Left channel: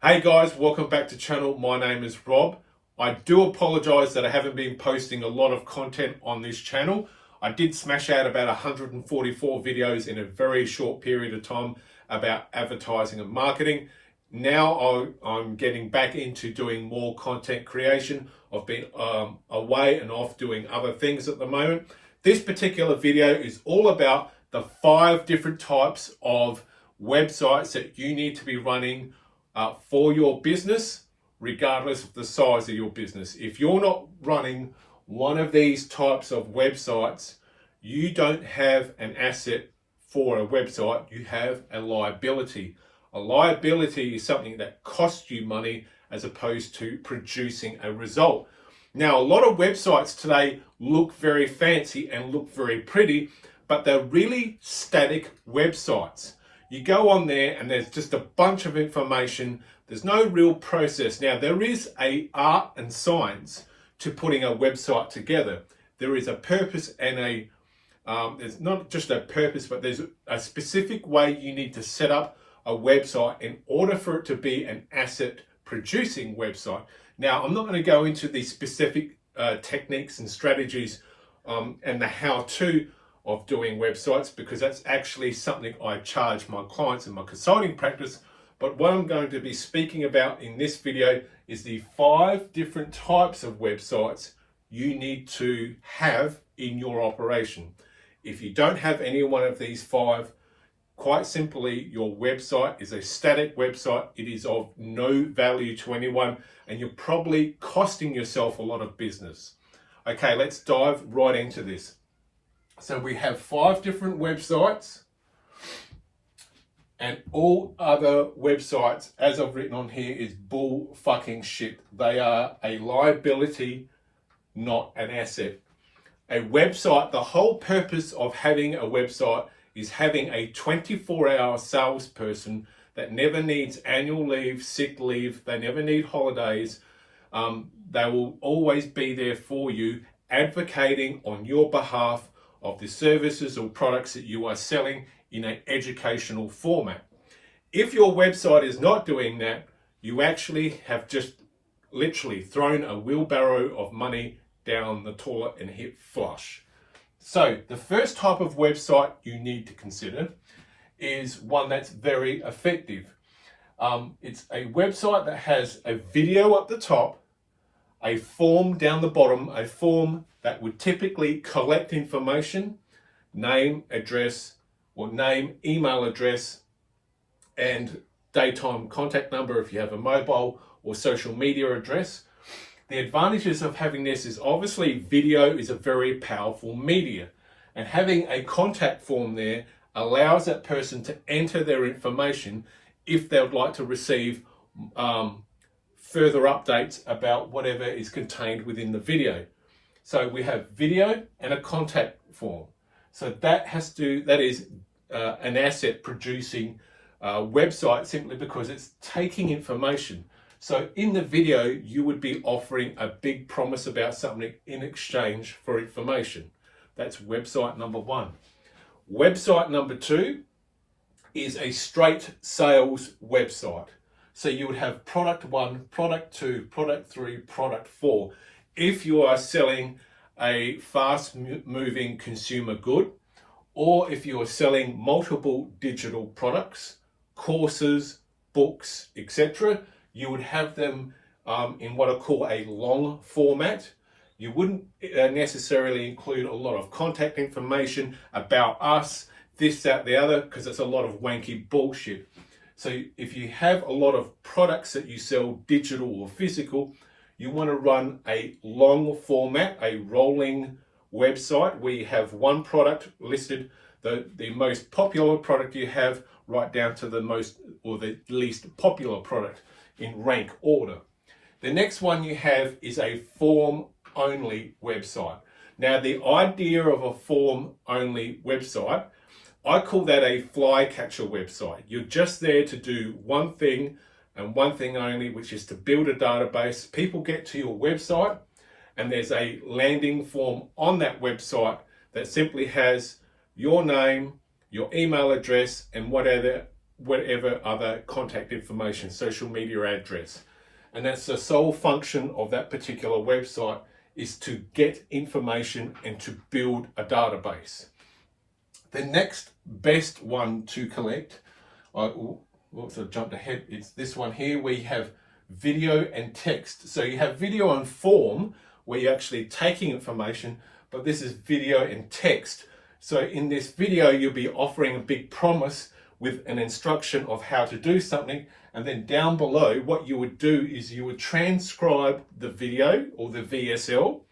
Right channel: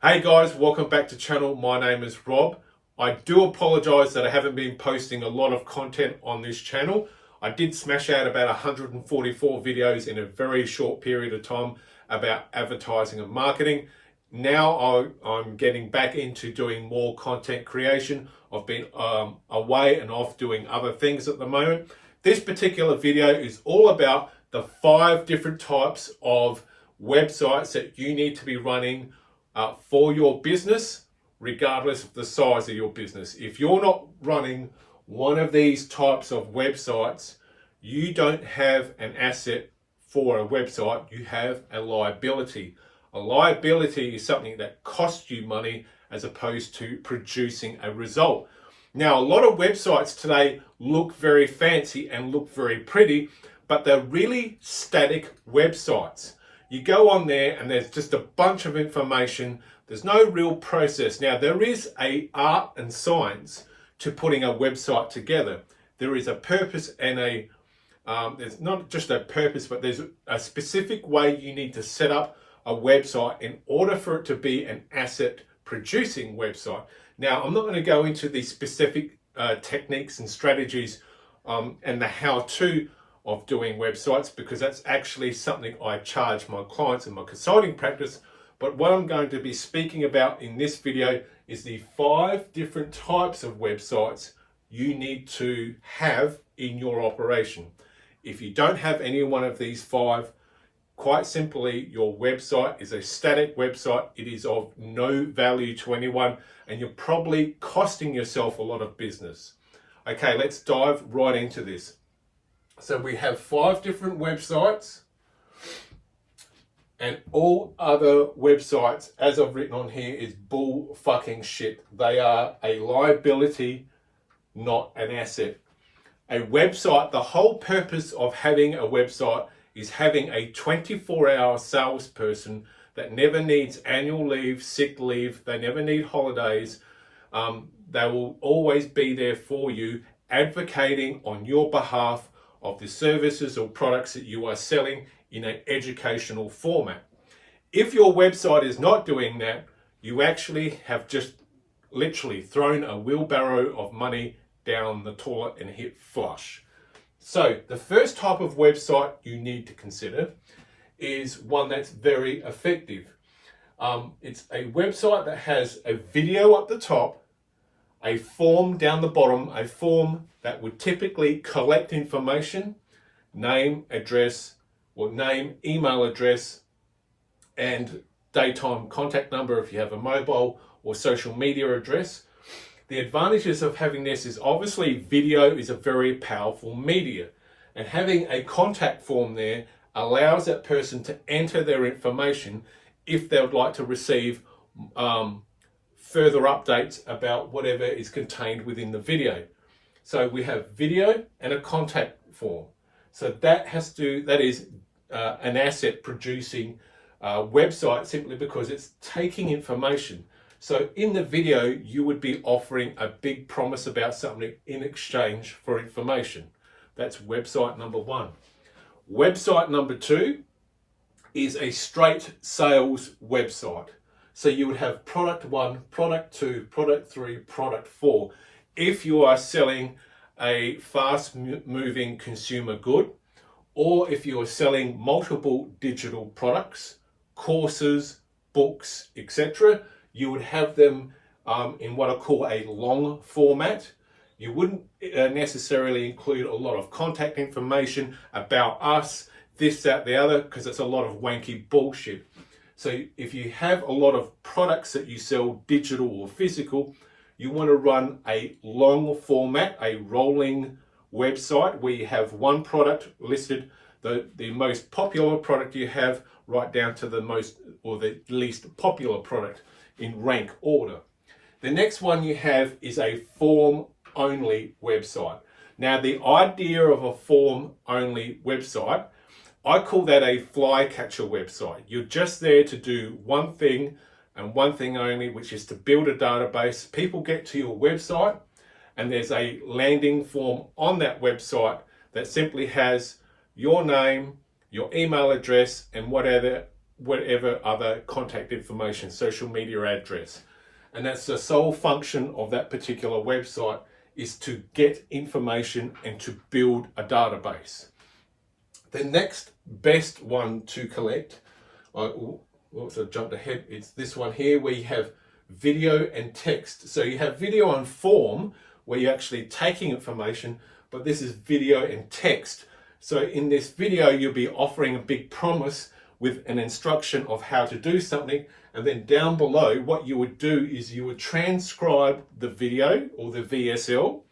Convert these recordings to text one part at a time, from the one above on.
Hey guys, welcome back to channel. My name is Rob. I do apologize that I haven't been posting a lot of content on this channel. I did smash out about 144 videos in a very short period of time about advertising and marketing. Now I'm getting back into doing more content creation. I've been away and off doing other things at the moment. This particular video is all about the 5 different types of websites that you need to be running for your business, regardless of the size of your business. If you're not running one of these types of websites, you don't have an asset for a website, you have a liability. A liability is something that costs you money as opposed to producing a result. Now, a lot of websites today look very fancy and look very pretty, but they're really static websites. You go on there and there's just a bunch of information. There's no real process. Now, there is an art and science to putting a website together. There is a purpose and there's not just a purpose, but there's a specific way you need to set up a website in order for it to be an asset producing website. Now, I'm not going to go into the specific techniques and strategies and the how-to of doing websites, because that's actually something I charge my clients in my consulting practice. But what I'm going to be speaking about in this video is the 5 different types of websites you need to have in your operation. If you don't have any one of these 5, quite simply, your website is a static website. It is of no value to anyone, and you're probably costing yourself a lot of business. Okay, let's dive right into this. So we have 5 different websites, and all other websites, as I've written on here, is bull fucking shit. They are a liability, not an asset. A website, the whole purpose of having a website is having a 24-hour salesperson that never needs annual leave, sick leave, they never need holidays. They will always be there for you, advocating on your behalf of the services or products that you are selling in an educational format. If your website is not doing that, you actually have just literally thrown a wheelbarrow of money down the toilet and hit flush. So the first type of website you need to consider is one that's very effective. It's a website that has a video at the top, a form down the bottom, a form that would typically collect information, name, address, or name, email address, and daytime contact number if you have a mobile or social media address. The advantages of having this is obviously video is a very powerful media, and having a contact form there allows that person to enter their information if they would like to receive further updates about whatever is contained within the video. So we have video and a contact form. So that is an asset producing website, simply because it's taking information. So in the video, you would be offering a big promise about something in exchange for information. That's website number 1. Website number 2 is a straight sales website. So you would have product 1, product 2, product 3, product 4. If you are selling a fast moving consumer good, or if you are selling multiple digital products, courses, books, etc., you would have them in what I call a long format. You wouldn't necessarily include a lot of contact information about us, this, that, the other, because it's a lot of wanky bullshit. So if you have a lot of products that you sell, digital or physical, you want to run a long format, a rolling website where you have one product listed, the most popular product you have, right down to the most or the least popular product in rank order. The next one you have is a form only website. Now, the idea of a form only website, I call that a flycatcher website. You're just there to do one thing and one thing only, which is to build a database. People get to your website and there's a landing form on that website that simply has your name, your email address, and whatever whatever other contact information, social media address. And that's the sole function of that particular website, is to get information and to build a database. The next best one to collect, I jumped ahead, it's this one here, where you have video and text. So you have video and form, where you're actually taking information, but this is video and text. So in this video, you'll be offering a big promise with an instruction of how to do something. And then down below, what you would do is you would transcribe the video or the VSL,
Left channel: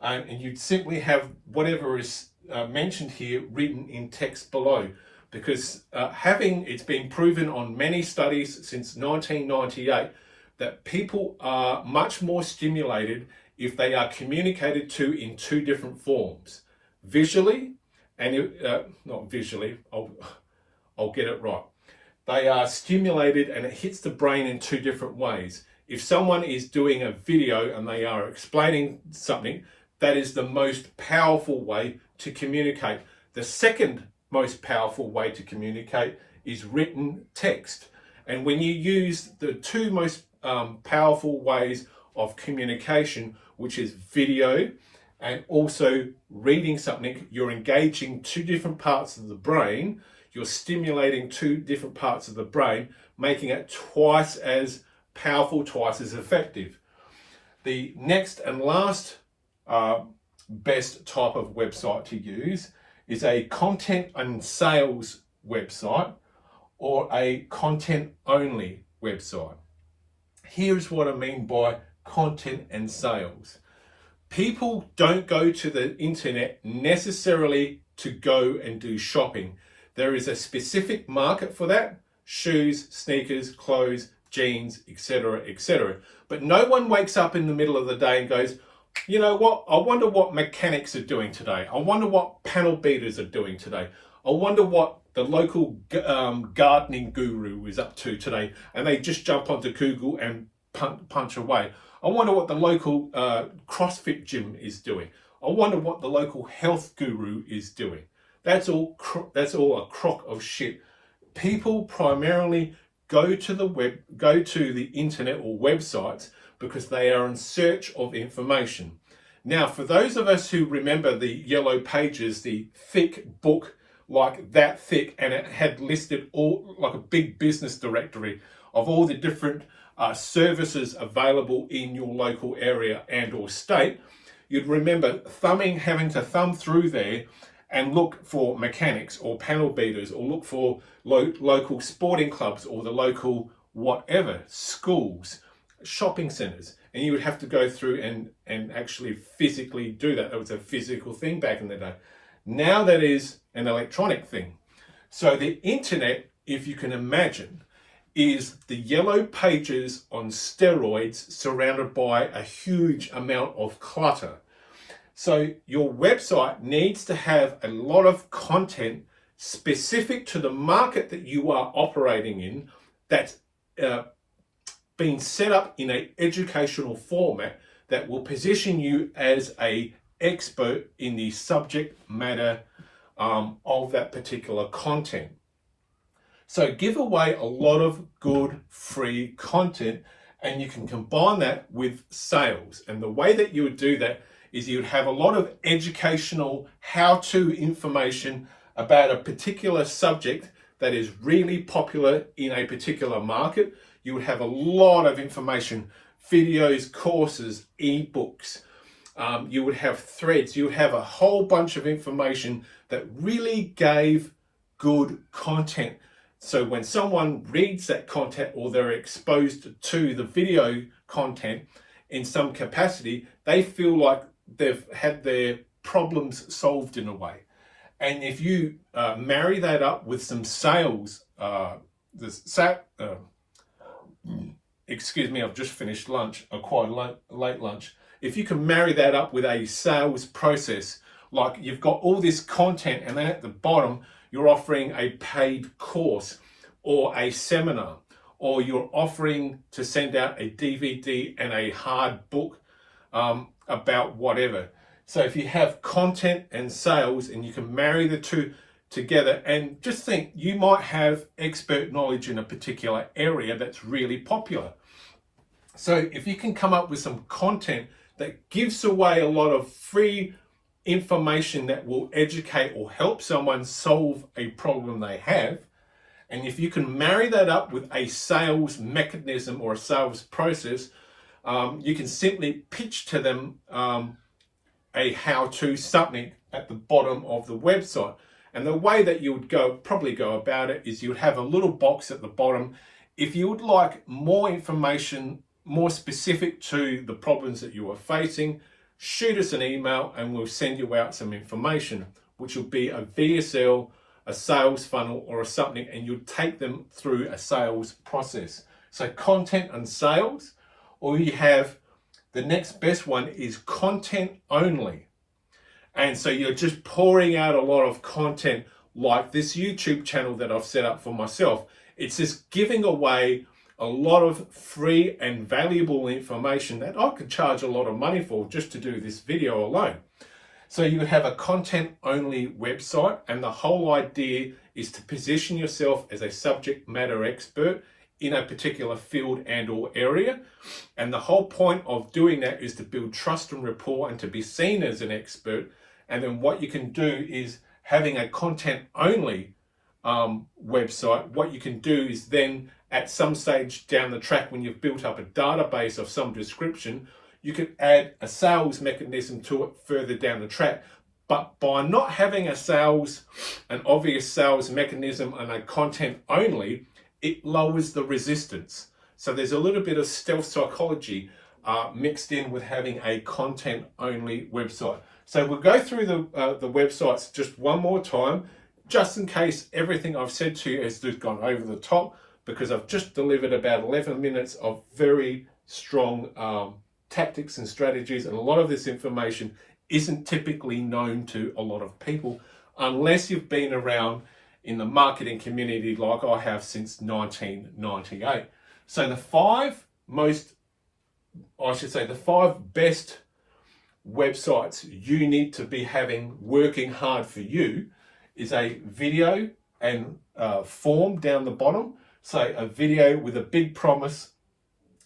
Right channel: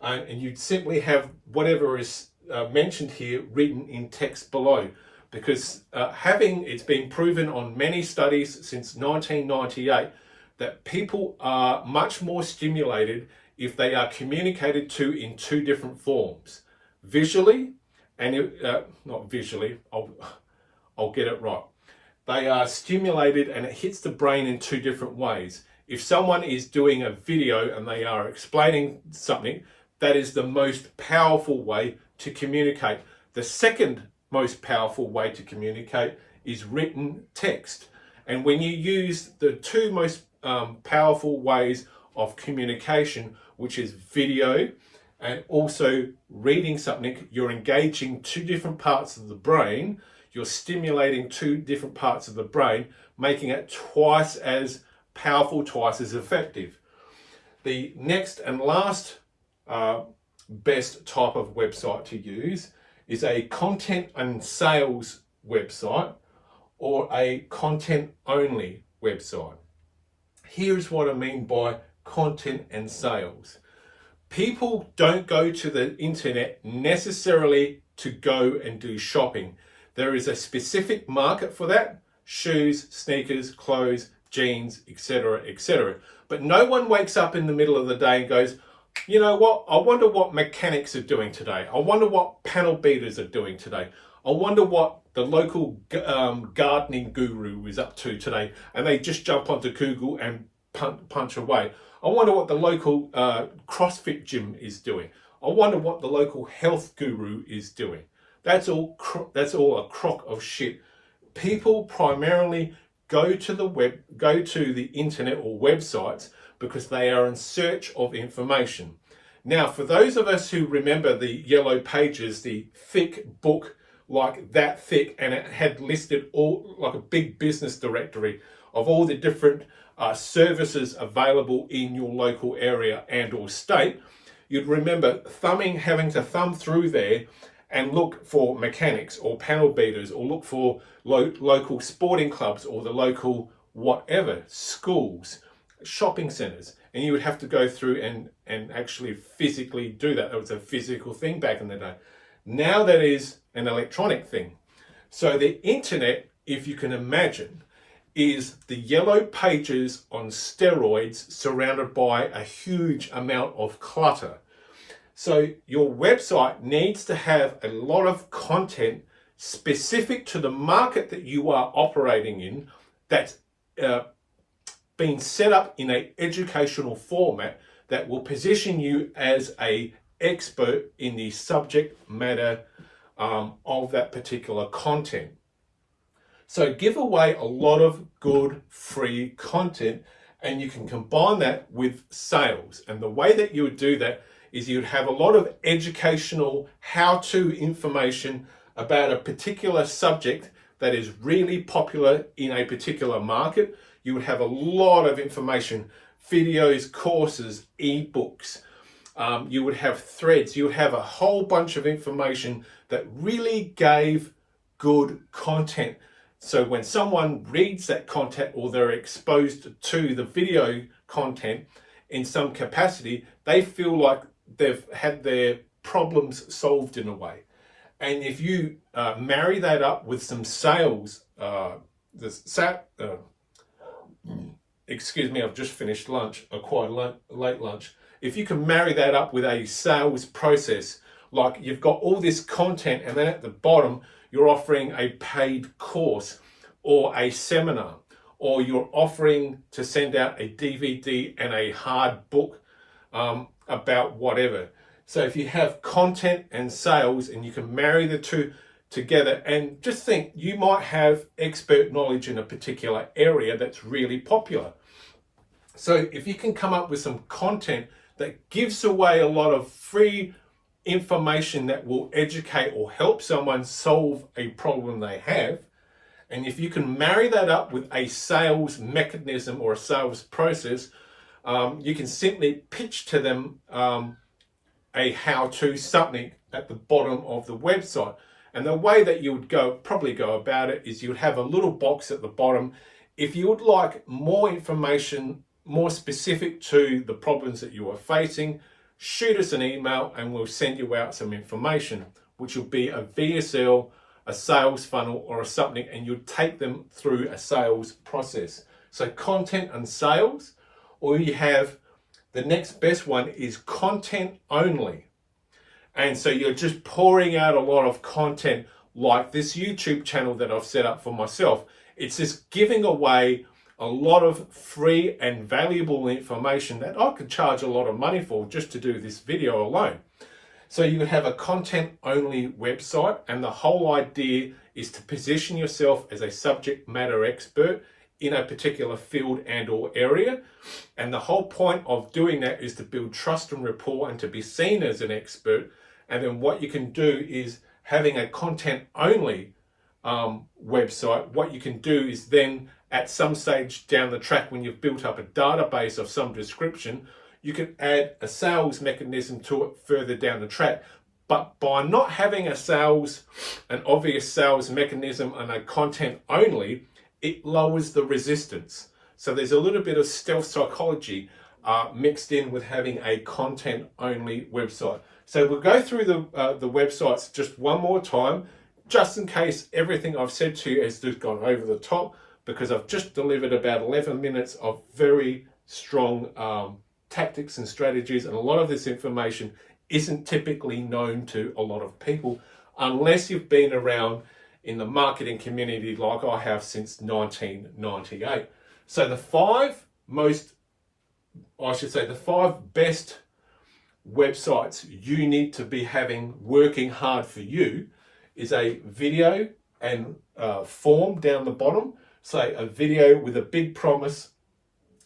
and you'd simply have whatever is mentioned here written in text below. Because it's been proven on many studies since 1998 that people are much more stimulated if they are communicated to in two different forms, visually and not visually. I'll get it right. They are stimulated and it hits the brain in two different ways. If someone is doing a video and they are explaining something, that is the most powerful way to communicate. The second most powerful way to communicate is written text. And when you use the two most powerful ways of communication, which is video and also reading something, you're engaging two different parts of the brain. You're stimulating two different parts of the brain, making it twice as powerful, twice as effective. The next and last best type of website to use is a content and sales website or a content only website. Here's what I mean by content and sales. People don't go to the internet necessarily to go and do shopping. There is a specific market for that: shoes, sneakers, clothes, jeans, etc., etc. But no one wakes up in the middle of the day and goes, you know what, I wonder what mechanics are doing today. I wonder what panel beaters are doing today. I wonder what the local gardening guru is up to today. And they just jump onto Google and punch away. I wonder what the local CrossFit gym is doing. I wonder what the local health guru is doing. That's all a crock of shit. People primarily go to the internet or websites because they are in search of information. Now, for those of us who remember the Yellow Pages, the thick book, like that thick, and it had listed all, like a big business directory of all the different services available in your local area and or state, you'd remember having to thumb through there and look for mechanics or panel beaters, or look for local sporting clubs or the local whatever, schools, shopping centres. And you would have to go through and actually physically do that. That was a physical thing back in the day. Now that is an electronic thing. So the internet, if you can imagine, is the Yellow Pages on steroids, surrounded by a huge amount of clutter. So your website needs to have a lot of content specific to the market that you are operating in, that's been set up in an educational format that will position you as an expert in the subject matter of that particular content. So give away a lot of good free content, and you can combine that with sales. And the way that you would do that is you would have a lot of educational how-to information about a particular subject that is really popular in a particular market. You would have a lot of information, videos, courses, ebooks. You would have threads. You would have a whole bunch of information that really gave good content. So when someone reads that content, or they're exposed to the video content in some capacity, they feel like they've had their problems solved in a way. And if you marry that up with some sales, excuse me, I've just finished lunch, a quite late lunch. If you can marry that up with a sales process, like you've got all this content and then at the bottom, you're offering a paid course or a seminar, or you're offering to send out a DVD and a hard book about whatever. So if you have content and sales and you can marry the two, together and just think you might have expert knowledge in a particular area that's really popular. So if you can come up with some content that gives away a lot of free information that will educate or help someone solve a problem they have, and if you can marry that up with a sales mechanism or a sales process, you can simply pitch to them a how-to, something at the bottom of the website. And the way that you would probably go about it is you would have a little box at the bottom. If you would like more information, more specific to the problems that you are facing, shoot us an email and we'll send you out some information, which will be a VSL, a sales funnel, or something, and you'll take them through a sales process. So content and sales, or you have the next best one is content only. And so you're just pouring out a lot of content like this YouTube channel that I've set up for myself. It's just giving away a lot of free and valuable information that I could charge a lot of money for just to do this video alone. So you have a content only website, and the whole idea is to position yourself as a subject matter expert in a particular field and or area. And the whole point of doing that is to build trust and rapport and to be seen as an expert. And then what you can do is, having a content only website, what you can do is then at some stage down the track, when you've built up a database of some description, you can add a sales mechanism to it further down the track. But by not having an obvious sales mechanism and a content only, it lowers the resistance. So there's a little bit of stealth psychology mixed in with having a content only website. So we'll go through the websites just one more time, just in case everything I've said to you has just gone over the top, because I've just delivered about 11 minutes of very strong tactics and strategies, and a lot of this information isn't typically known to a lot of people unless you've been around in the marketing community like I have since 1998. So the five best websites you need to be having working hard for you is a video and form down the bottom. So a video with a big promise,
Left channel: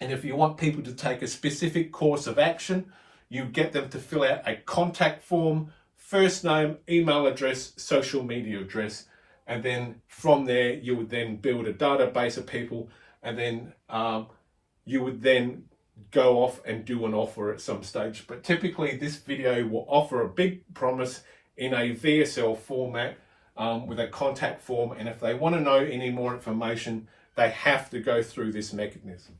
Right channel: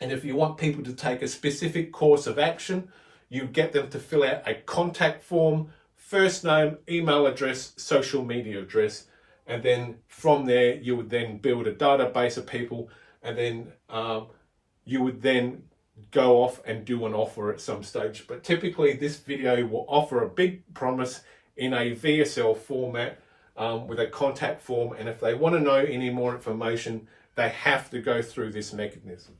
and if you want people to take a specific course of action, you get them to fill out a contact form, first name, email address, social media address, and then from there you would then build a database of people, and then you would then go off and do an offer at some stage. But typically this video will offer a big promise in a VSL format with a contact form, and if they want to know any more information, they have to go through this mechanism.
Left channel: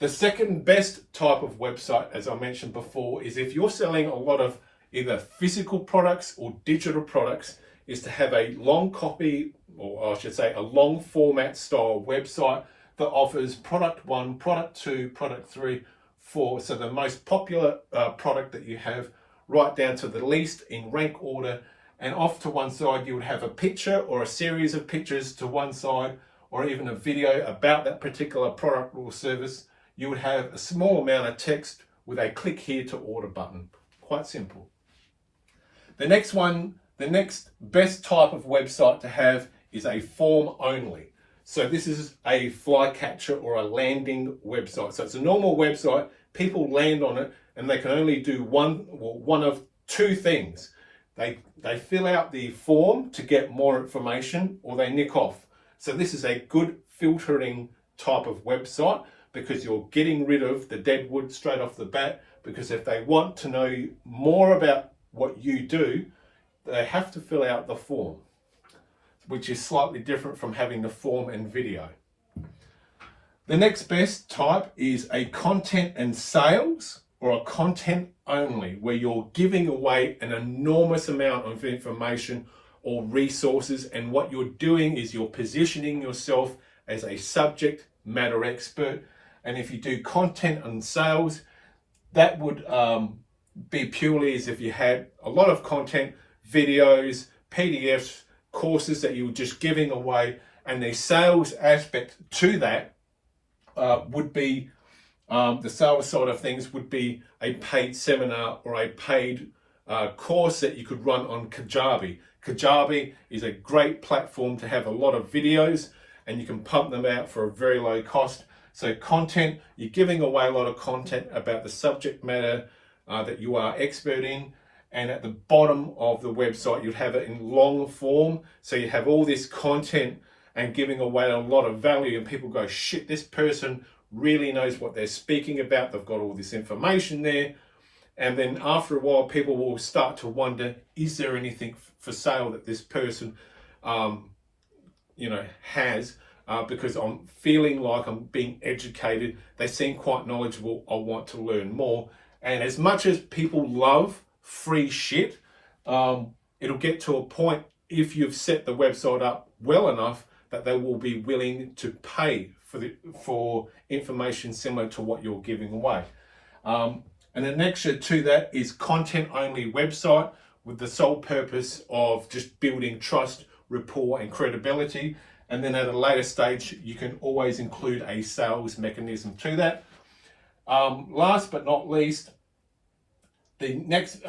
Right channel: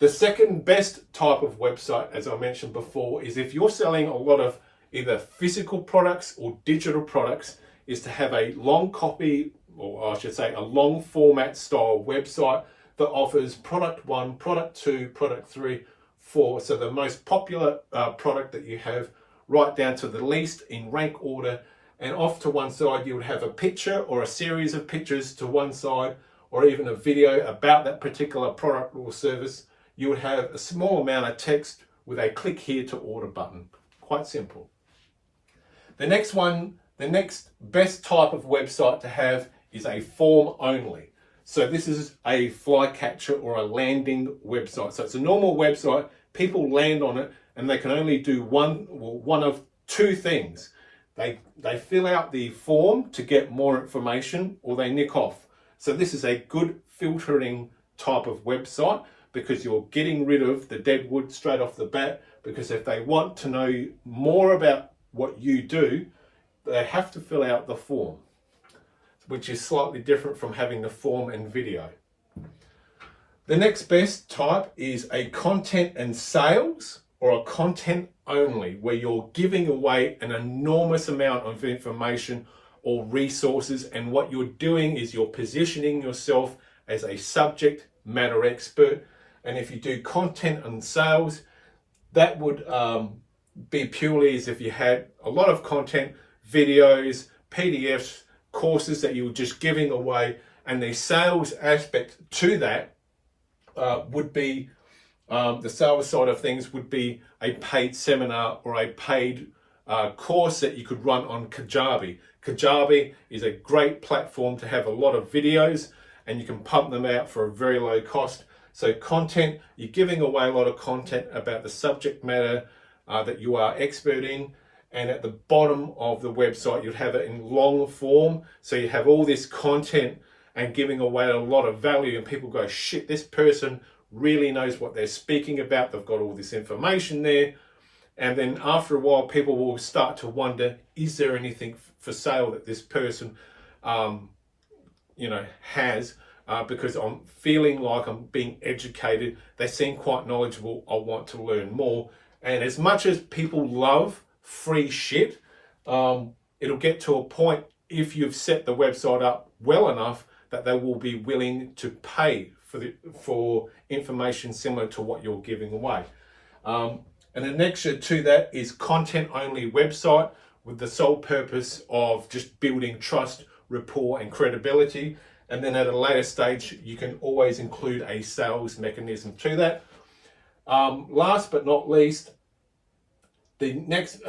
The second best type of website, as I mentioned before, is if you're selling a lot of either physical products or digital products, is to have a long copy, or I should say a long format style website that offers product 1, product 2, product 3, 4. So the most popular product that you have, right down to the least in rank order, and off to one side you would have a picture or a series of pictures to one side, or even a video about that particular product or service. You would have a small amount of text with a click here to order button. Quite simple. The next best type of website to have is a form only. So this is a flycatcher or a landing website. So it's a normal website, people land on it, and they can only do one of two things. They fill out the form to get more information, or they nick off. So this is a good filtering type of website, because you're getting rid of the dead wood straight off the bat, because if they want to know more about what you do, they have to fill out the form, which is slightly different from having the form and video. The next best type is a content and sales, or a content only, where you're giving away an enormous amount of information or resources, and what you're doing is you're positioning yourself as a subject matter expert. And if you do content and sales, that would be purely as if you had a lot of content, videos, PDFs, courses that you were just giving away, and the sales aspect to that would be the sales side of things would be a paid seminar or a paid course that you could run on Kajabi. Kajabi is a great platform to have a lot of videos, and you can pump them out for a very low cost. So content, you're giving away a lot of content about the subject matter that you are expert in. And at the bottom of the website, you'd have it in long form. So you have all this content and giving away a lot of value, and people go, shit, this person really knows what they're speaking about. They've got all this information there. And then after a while, people will start to wonder, is there anything for sale that this person, has? Because I'm feeling like I'm being educated. They seem quite knowledgeable. I want to learn more. And as much as people love free shit, it'll get to a point, if you've set the website up well enough, that they will be willing to pay for information similar to what you're giving away. And the next to that is content only website, with the sole purpose of just building trust, rapport, and credibility. And then at a later stage, you can always include a sales mechanism to that. Last but not least, the next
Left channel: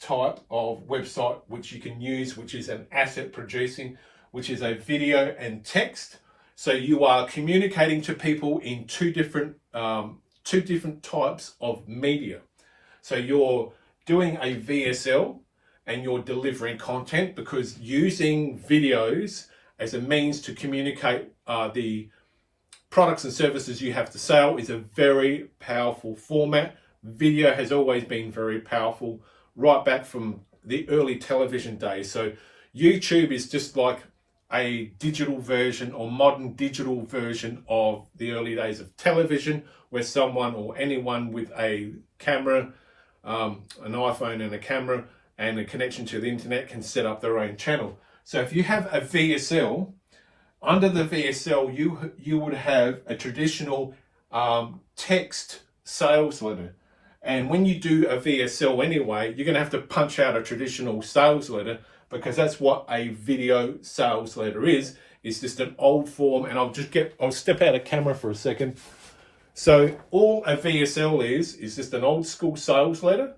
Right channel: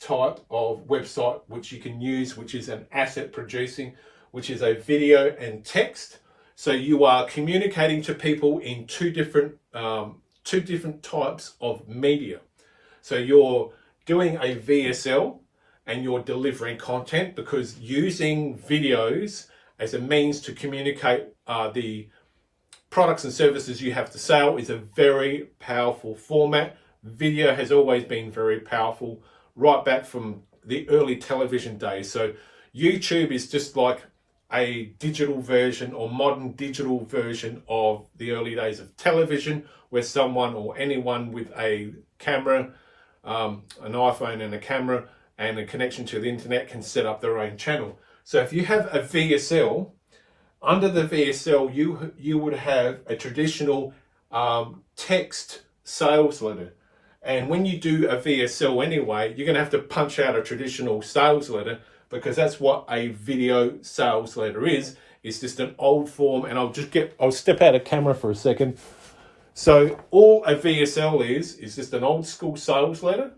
type of website which you can use, which is an asset producing, which is a video and text. So you are communicating to people in two different types of media. So you're doing a VSL and you're delivering content, because using videos as a means to communicate the products and services you have to sell is a very powerful format. Video has always been very powerful, right back from the early television days. So YouTube is just like a digital version or modern digital version of the early days of television, where someone or anyone with a camera, an iPhone and a camera and a connection to the internet can set up their own channel. So if you have a VSL, under the VSL, you would have a traditional text sales letter. And when you do a VSL anyway, you're going to have to punch out a traditional sales letter, because that's what a video sales letter is. It's just an old form. And I'll step out of camera for a second. So all a VSL is just an old school sales letter.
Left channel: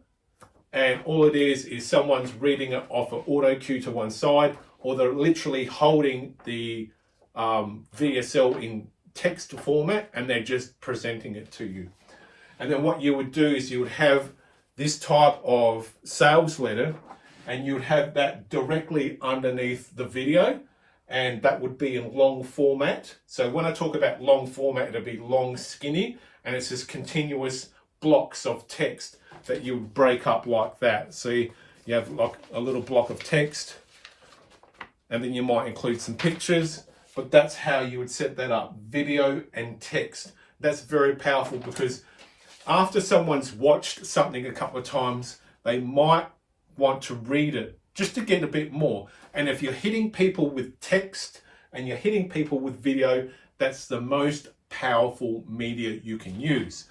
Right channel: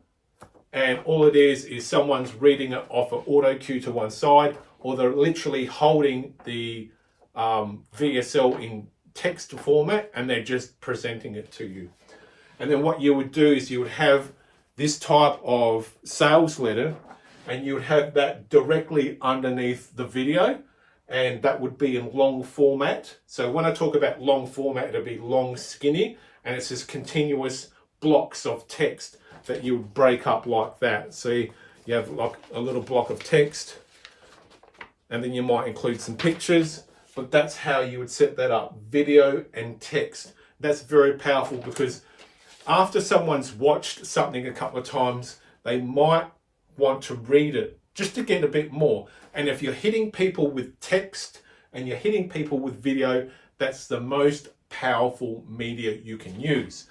And all it is someone's reading it off an auto cue to one side, or they're literally holding the VSL in text format and they're just presenting it to you. And then what you would do is you would have this type of sales letter, and you would have that directly underneath the video, and that would be in long format. So when I talk about long format, it'll be long, skinny, and it's just continuous blocks of text that you would break up like that. So you have like a little block of text, and then you might include some pictures, but that's how you would set that up, video and text. That's very powerful, because after someone's watched something a couple of times, they might want to read it just to get a bit more. And if you're hitting people with text and you're hitting people with video, that's the most powerful media you can use.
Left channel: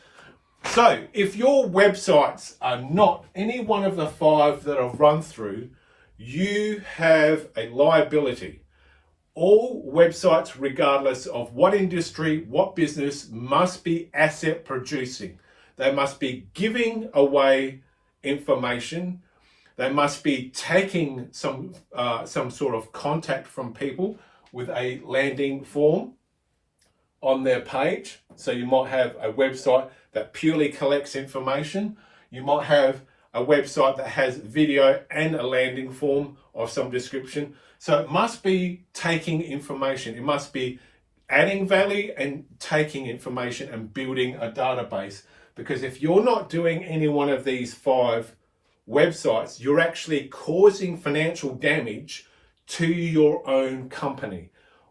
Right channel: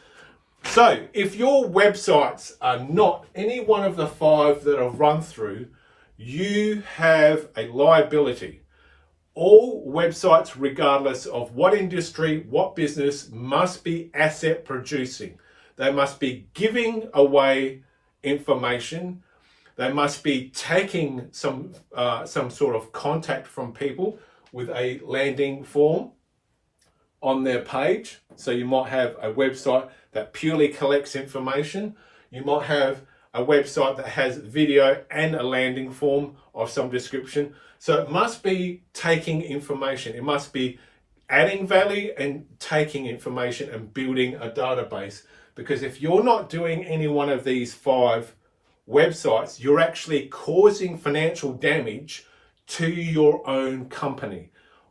So if your websites are not any one of the 5 that I've run through, you have a liability. All websites, regardless of what industry, what business, must be asset producing. They must be giving away information. They must be taking some sort of contact from people with a landing form on their page. So you might have a website that purely collects information. You might have a website that has video and a landing form of some description. So it must be taking information. It must be adding value and taking information and building a database. Because if you're not doing any one of these 5 websites, you're actually causing financial damage to your own company.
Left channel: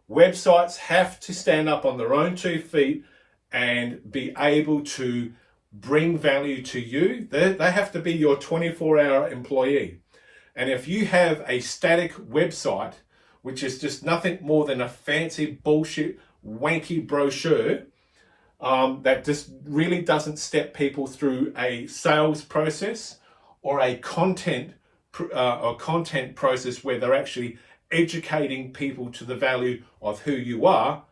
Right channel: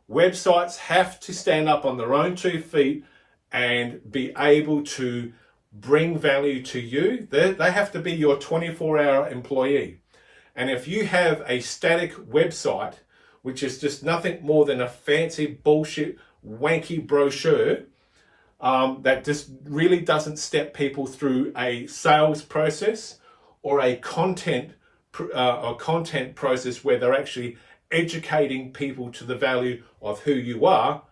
Websites have to stand up on their own 2 feet and be able to bring value to you. They have to be your 24-hour employee. And if you have a static website, which is just nothing more than a fancy bullshit wanky brochure, that just really doesn't step people through a sales process or a content process where they're actually educating people to the value of who you are,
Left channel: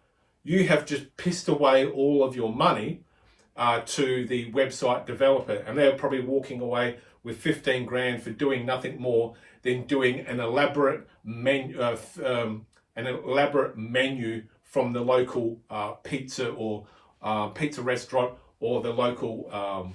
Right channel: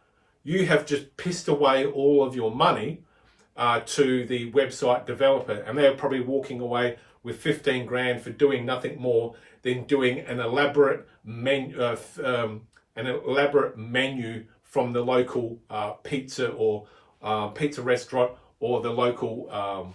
you have just pissed away all of your money to the website developer, and they're probably walking away with 15 grand for doing nothing more than doing an elaborate menu from the local pizza or pizza restaurant or the local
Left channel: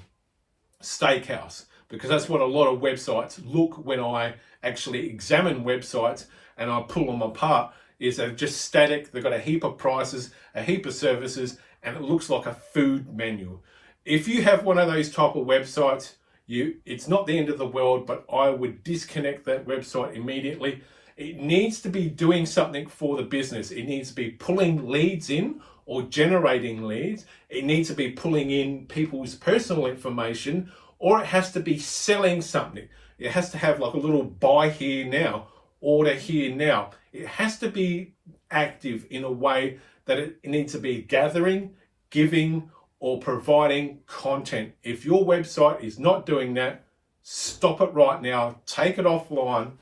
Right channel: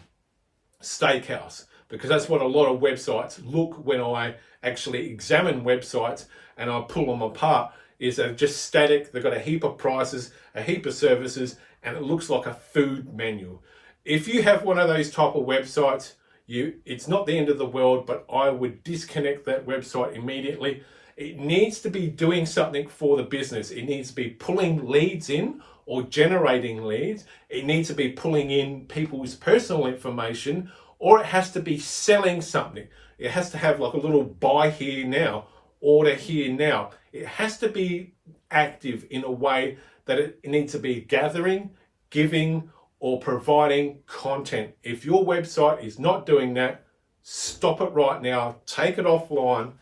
steakhouse, because that's what a lot of websites look when I actually examine websites and I pull them apart. Is they're just static, they've got a heap of prices, a heap of services, and it looks like a food menu. If you have one of those type of websites, it's not the end of the world, but I would disconnect that website immediately. It needs to be doing something for the business. It needs to be pulling leads in or generating leads. It needs to be pulling in people's personal information, or it has to be selling something. It has to have like a little buy here now, order here now. It has to be active in a way that it needs to be gathering, giving, or providing content. If your website is not doing that, stop it right now, take it offline,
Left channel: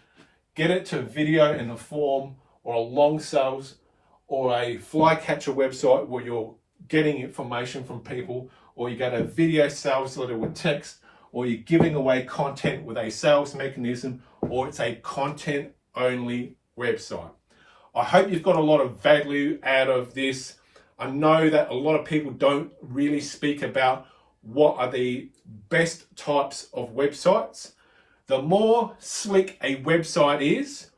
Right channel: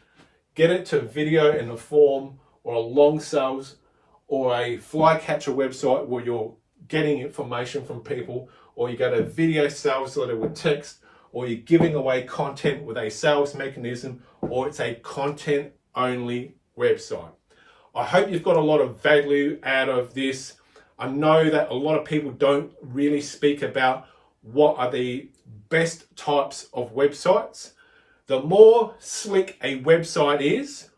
get it to video in a form or a long sales or a flycatcher website where you're getting information from people, or you got a video sales letter with text, or you're giving away content with a sales mechanism, or it's a content only website. I hope you've got a lot of value out of this. I know that a lot of people don't really speak about what are the best types of websites. The more slick a website is,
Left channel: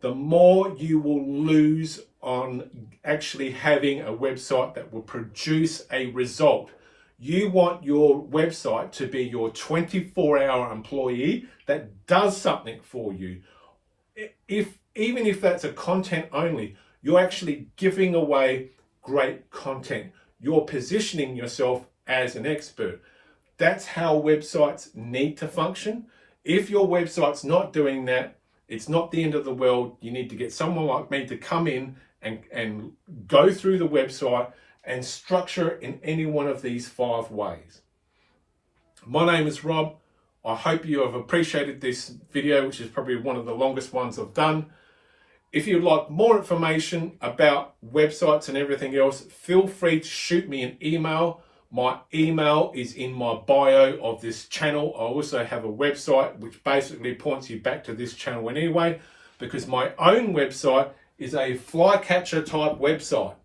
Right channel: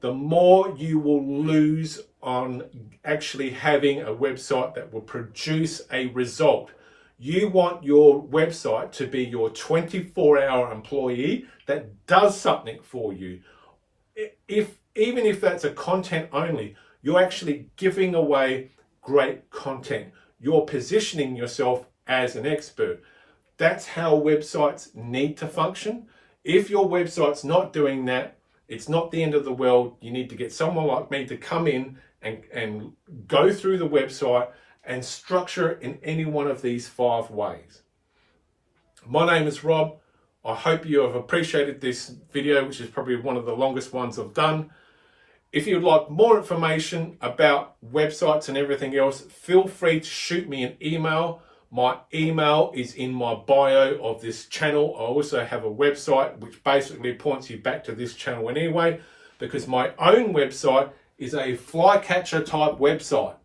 the more you will lose on actually having a website that will produce a result. You want your website to be your 24-hour employee that does something for you. Even if that's a content only, you're actually giving away great content. You're positioning yourself as an expert. That's how websites need to function. If your website's not doing that, it's not the end of the world. You need to get someone like me to come in and go through the website and structure it in any one of these 5 ways. My name is Rob. I hope you have appreciated this video, which is probably one of the longest ones I've done. If you'd like more information about websites and everything else, feel free to shoot me an email. My email is in my bio of this channel. I also have a website which basically points you back to this channel anyway, because my own website is a flycatcher type website.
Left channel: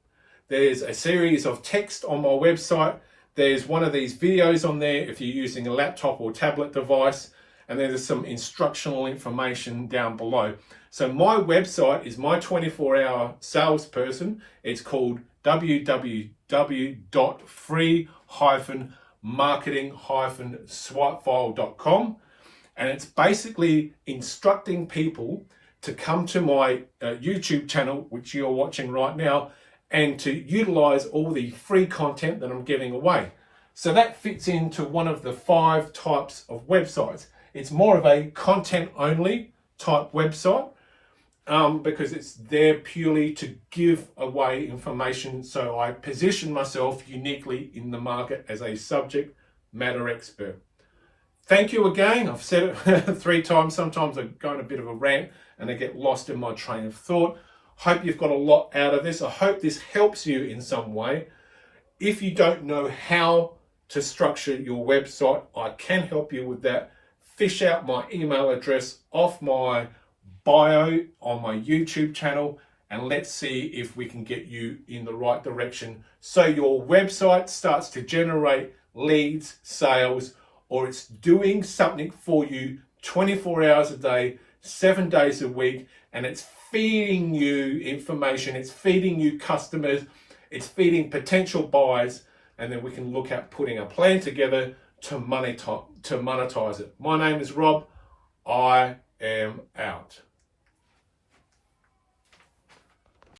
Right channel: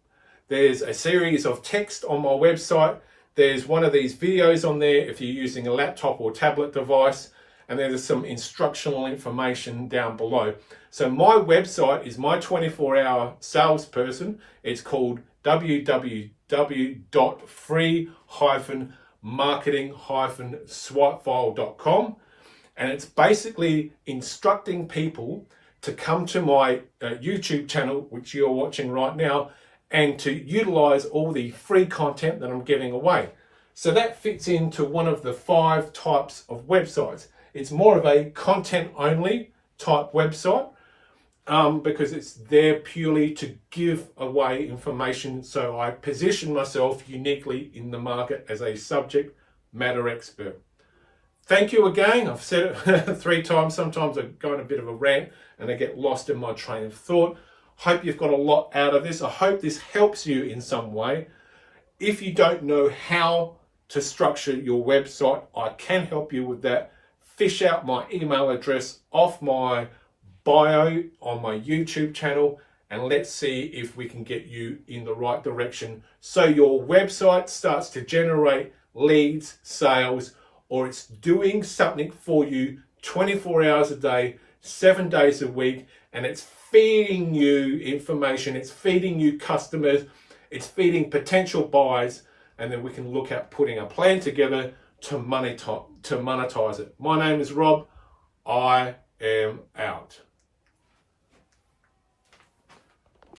There's a series of text on my website. There's one of these videos on there if you're using a laptop or tablet device, and then there's some instructional information down below. So my website is my 24-hour salesperson. It's called www.free-marketing-swipefile.com, and it's basically instructing people to come to my YouTube channel, which you're watching right now, and to utilize all the free content that I'm giving away. So that fits into one of the 5 types of websites. It's more of a content only type website because it's there purely to give away information. So I position myself uniquely in the market as a subject matter expert. Thank you again. I've said it 3 times. Sometimes I go on a bit of a rant and I get lost in my train of thought. Hope you've got a lot out of this. I hope this helps you in some way. If you don't know how to structure your website, I can help you with that. Fish out my email address off my bio on my YouTube channel, and let's see if we can get you in the right direction so your website starts to generate leads, sales, or it's doing something for you 24 hours a day, 7 days a week, and it's feeding you information, it's feeding you customers, it's feeding potential buyers, and then we can look at putting a plan together to monetize it. My name is Rob. I am out.